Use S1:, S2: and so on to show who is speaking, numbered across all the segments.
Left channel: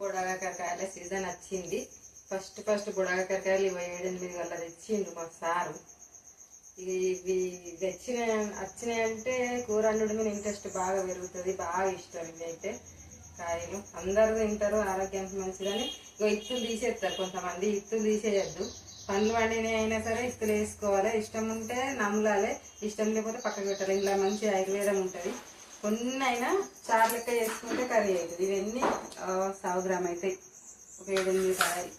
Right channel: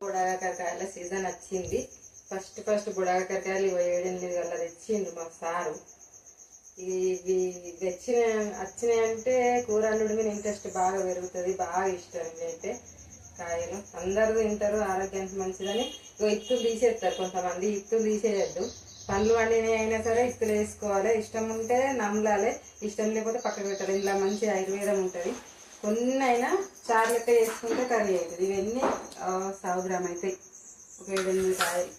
S1: బుడగకాయల season వచ్చింది. First first బుడగకాయలు ఇరవై ఏడెనిమిది వల్ల తెచ్చిండు మా సారు. ఇవి తెచ్చిన వచ్చినాయంటే కూర వండడం మీద ఇంట్రెస్ట్ బాగా పెరుగుతుంది బాగా ఇష్టం ఇవైతే కాయలు. అందరూ తింటారు ఆరోగ్యానికి మంచిదని. ఇగో ఇత్తులు తీసేస్తారు కొంతమంది ఇత్తులు తీసేయద్దు. పండ్లు వండినవి అయినా సరే ఇత్తులు వేసుకోవాలి. ఇష్టం ఉంటే నమ్మలాలి ఇష్టం లేకపోతే పక్కన పెట్టాలి. ఇలా మంచి ఆయుర్వేదం ఉంటుంది. కొన్ని అయినా చారు లెక్క చేసుకుంటే కర్రీ అవుతుంది. ఇవన్నీ ఆ, సవ గ్రామ్ అవుతాయి ఒక ఏడు ఎనిమిది కాయలు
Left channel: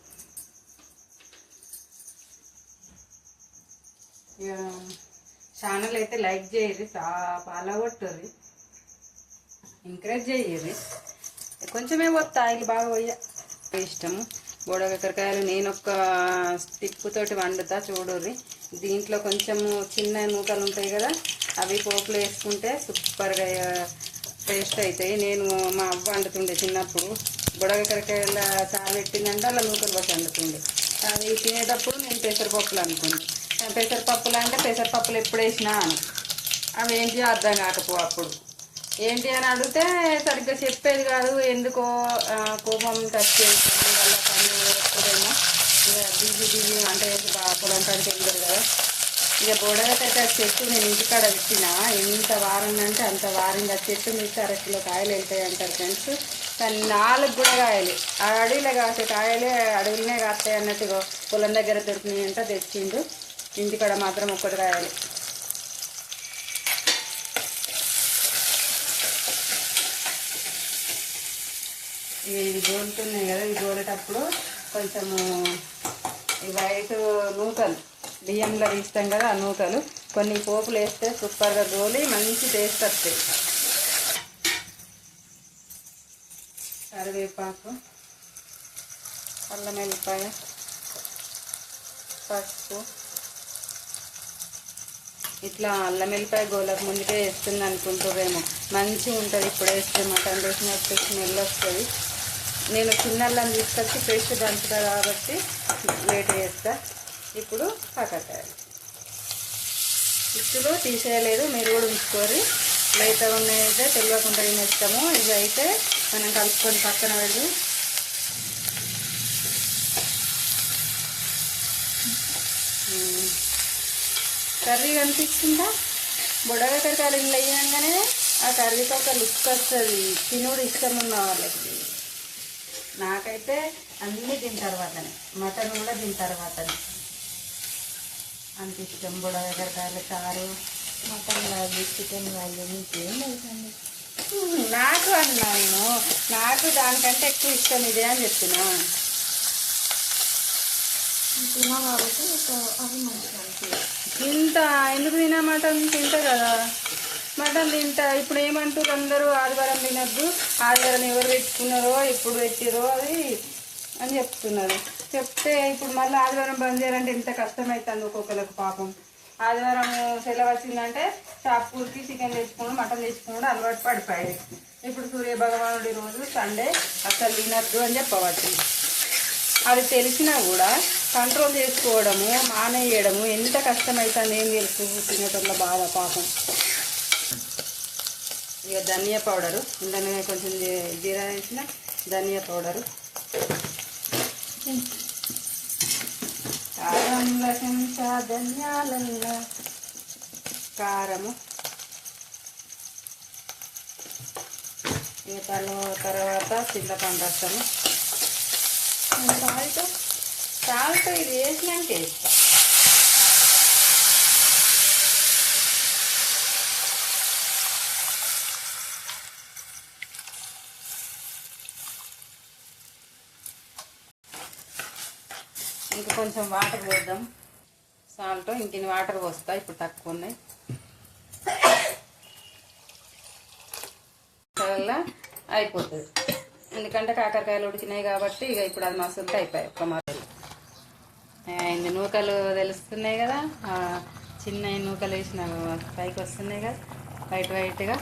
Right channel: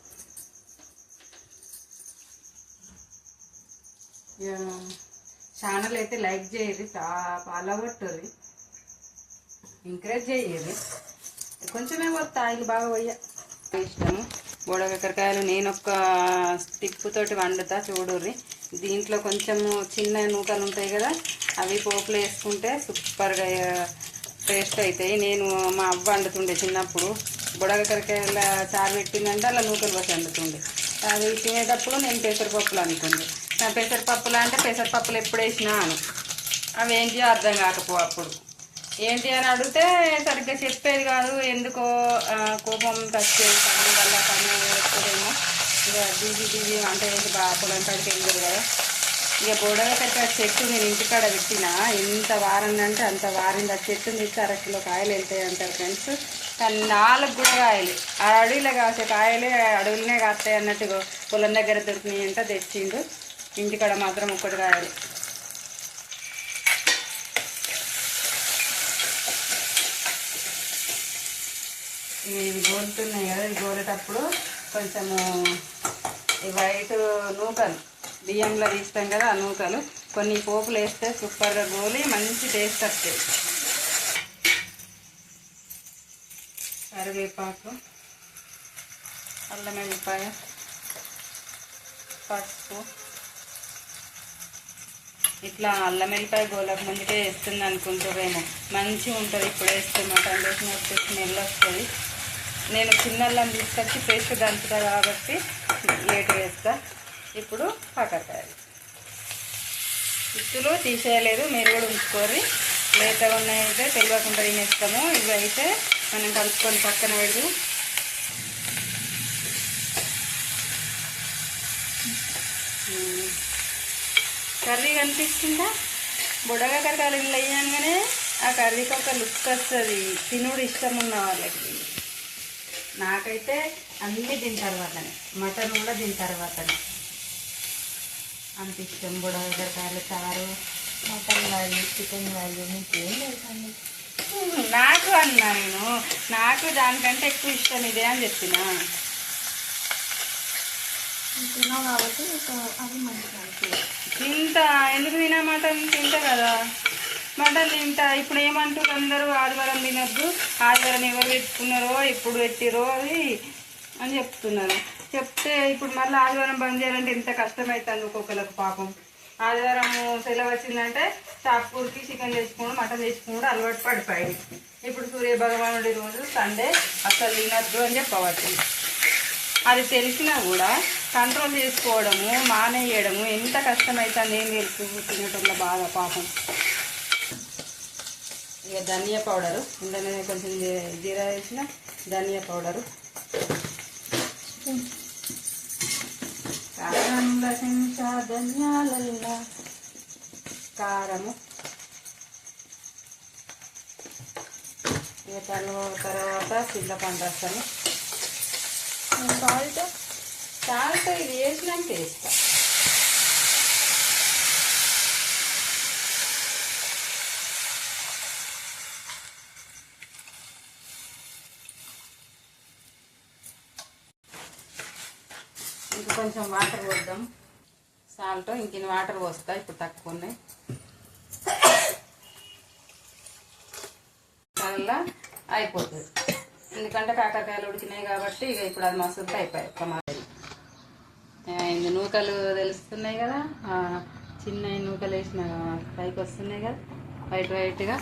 S1: ఛానల్ అయితే లైక్ చేయరు ఫాలో కొట్టరు ఎంకరేజ్ చేయరు కొంచెమే పోతా ఆయిల్ బాగా పోయ ఇష్టము. బోడకాకరకాయలు నేను ఒక స్టిక్ తోటి వండుతా చూడుర్రి. దీంట్లో కొంచెము చిన్న నూకలు ఉంటాయి కదా అవి పోపులు వేసుకుంటే సూపర్గా టేస్ట్ అవుతాయి నేను మా అవ్వ వండుతుండే చిన్నప్పుడు. బుడగకరకాయల చారు పెట్టిందంటే అలా నూకలు పోసి వండుతుండే. అవి తినేటప్పుడు నేను పెసరపప్పులు అనుకుంది నా పెసరపప్పులు అంటే పెసరపప్పులు ఎప్పుడు వేసినా అని. అవి ఏంటి అర్థం కాకపో అప్పుడు. ఏంటి అని అడిగితే సరిగ్గా చెప్పేది కాదు. ఎందుకో కోపం తచ్చేది పని వల్ల పని ఎక్కువేమో ఇక బిజీ బిజీ అంటే బాగా పొలం పడికి వెళ్ళారు కదా ఇక బొడగకైతే ఆ చెట్టు నేను ఇంటికాడ పెట్టిన ఎంత వారిందంటే అంటే అంత వారింది. ఆ చెట్టు మీకు అర కిలో కాయలు వెళ్తాయి అంటారు ఫ్రెండ్స్. కానీ నాలుగు కూడా కాయలు. ఆ అడవిలో కాసే కాయలే అడవిలోనే కాస్తాయి అన్నట్టు పొలం దగ్గర దొరికినాయి అంటే తెచ్చిండు. ఇంటికాడ మాత్రం ఒక్కటి కాయలు. ఇవి గోలుతున్నాయి కదా ఇవి గోలేటప్పుడు కొంచెము వైట్ నూకలు. బియ్యంలో తీస్తాం కదా ఆ నూకలు. కొన్ని పోపులు వేస్తే సూపర్గా గోలి మంచి టేస్ట్ వస్తాయి. కరివేపాకు అల్లం వెల్లిపాయ పసుపు. ఇట్లా అల్లం వెల్లిపాయ గోలకు ముందుకే వేస్తుంది అనుకుంటున్నాను మంచిగా ఉంటుంది ఇప్పుడు వేస్తే మటన్ వేసినట్టు స్మెల్ వస్తుంది. నేను చిన్న అల్లం తీసుకొచ్చి పేస్ట్ దంచుతా కాబట్టి లేట్ వేస్తాను ఇప్పుడు పక్కకాయలు ఇత్తులు తీసేయలేదు మీరు కూడా ఉంచుకోరి లేతగా ఉన్నాయంటే తెలియకుండా తినేస్తాము. ఇవి అయితే మనం కలుపుకొని పక్కన పెడదు కర్రీ కనిపించిందా? బుడగ కరకాయలు ఇల్లు అయ్యాగానే ఆ కర్రీకి ఒక లుక్ వస్తుంది. తినుడు ఇష్టం ఉన్న వాళ్ళకి. నాకైతే అన్నీ తింటారు తర్వాతనే మటన్ కూడా తింటారు తర్వాతనే అంత ఇష్టం బుడగ కరకాయలు చారు
S2: మటన్ వాళ్ళు చికెన్ వాళ్ళు మీకేం తెలుసండి
S1: నాకు అన్నా నేను నాకు దానికంటే ఎక్కువ ఇష్టం ఇదే అని చెప్పిన.
S2: తిన్నావు కాబట్టి అవి మంచిగా
S1: తింటా ఎందుకు తినా మటన్? తింటా కదా. మటన్ తింటా. ఇప్పుడు ఏమంటారు అందరూ? ఆదివారం తినొద్దు. ఆదివారం ఎవరు పెట్టుకున్నారో ఎప్పుడు పెట్టిరో అది అని చెప్తున్నారు. చెప్తే ఇప్పుడు మళ్ళీ ఆదివారం బంద్ చేయాలంటే ఎంత కష్టమవుతుంది ఒక్కొక్కరికి పాపం. ఆదివారం సెలవు వచ్చిందంటే షాపూర్కి చికెన్ తెచ్చుకోవడం మటన్ తెచ్చుకోవడం అలవాటు పడిపోయాయి ఇప్పుడు సూర్య భగవానుడి రోజు సండే అసలు తినద్దు అని చెప్పవచ్చు. అది తెలిసినా కూడా కంట్రోల్ చేసుకోవడము మానేయడము ఎంత కష్టమవుతుంది ఏం తెలుసు? తినటంలో బాగా పాపం. ఇక ధనియా పౌడరు ఇందులో కొంచెం జీరా వేసిన ధనియా పౌడరు. కారంల చెంచా ధనియాలల్లా. కారము. ఇక తర్వాత చింతపండు రసము
S2: సాల్ట్
S1: సాల్ట్ ఇది వేసినాక వేస్తాను ఇంకా కొంచెం వాటర్ పోద్దాం. సాల్ట్ ఇంకిన్ని వాటర్ పోస్తా ఇప్పుడు తక్కువ ఉన్నాయి. వల్ల అయిపోతుంది. ఎందుకంటే కాకరకాయలు ఉడికినాయి కాబట్టి ఇక ఇప్పుడు అది మసులుతో అయిపోయాయి ఒక మాదిరి. ఇందు నూకలు తెలుస్తున్నాయి కదా చిన్న నూకలు వేసిన పైకి వస్తున్నాయి కదా వైట్ వైట్గా.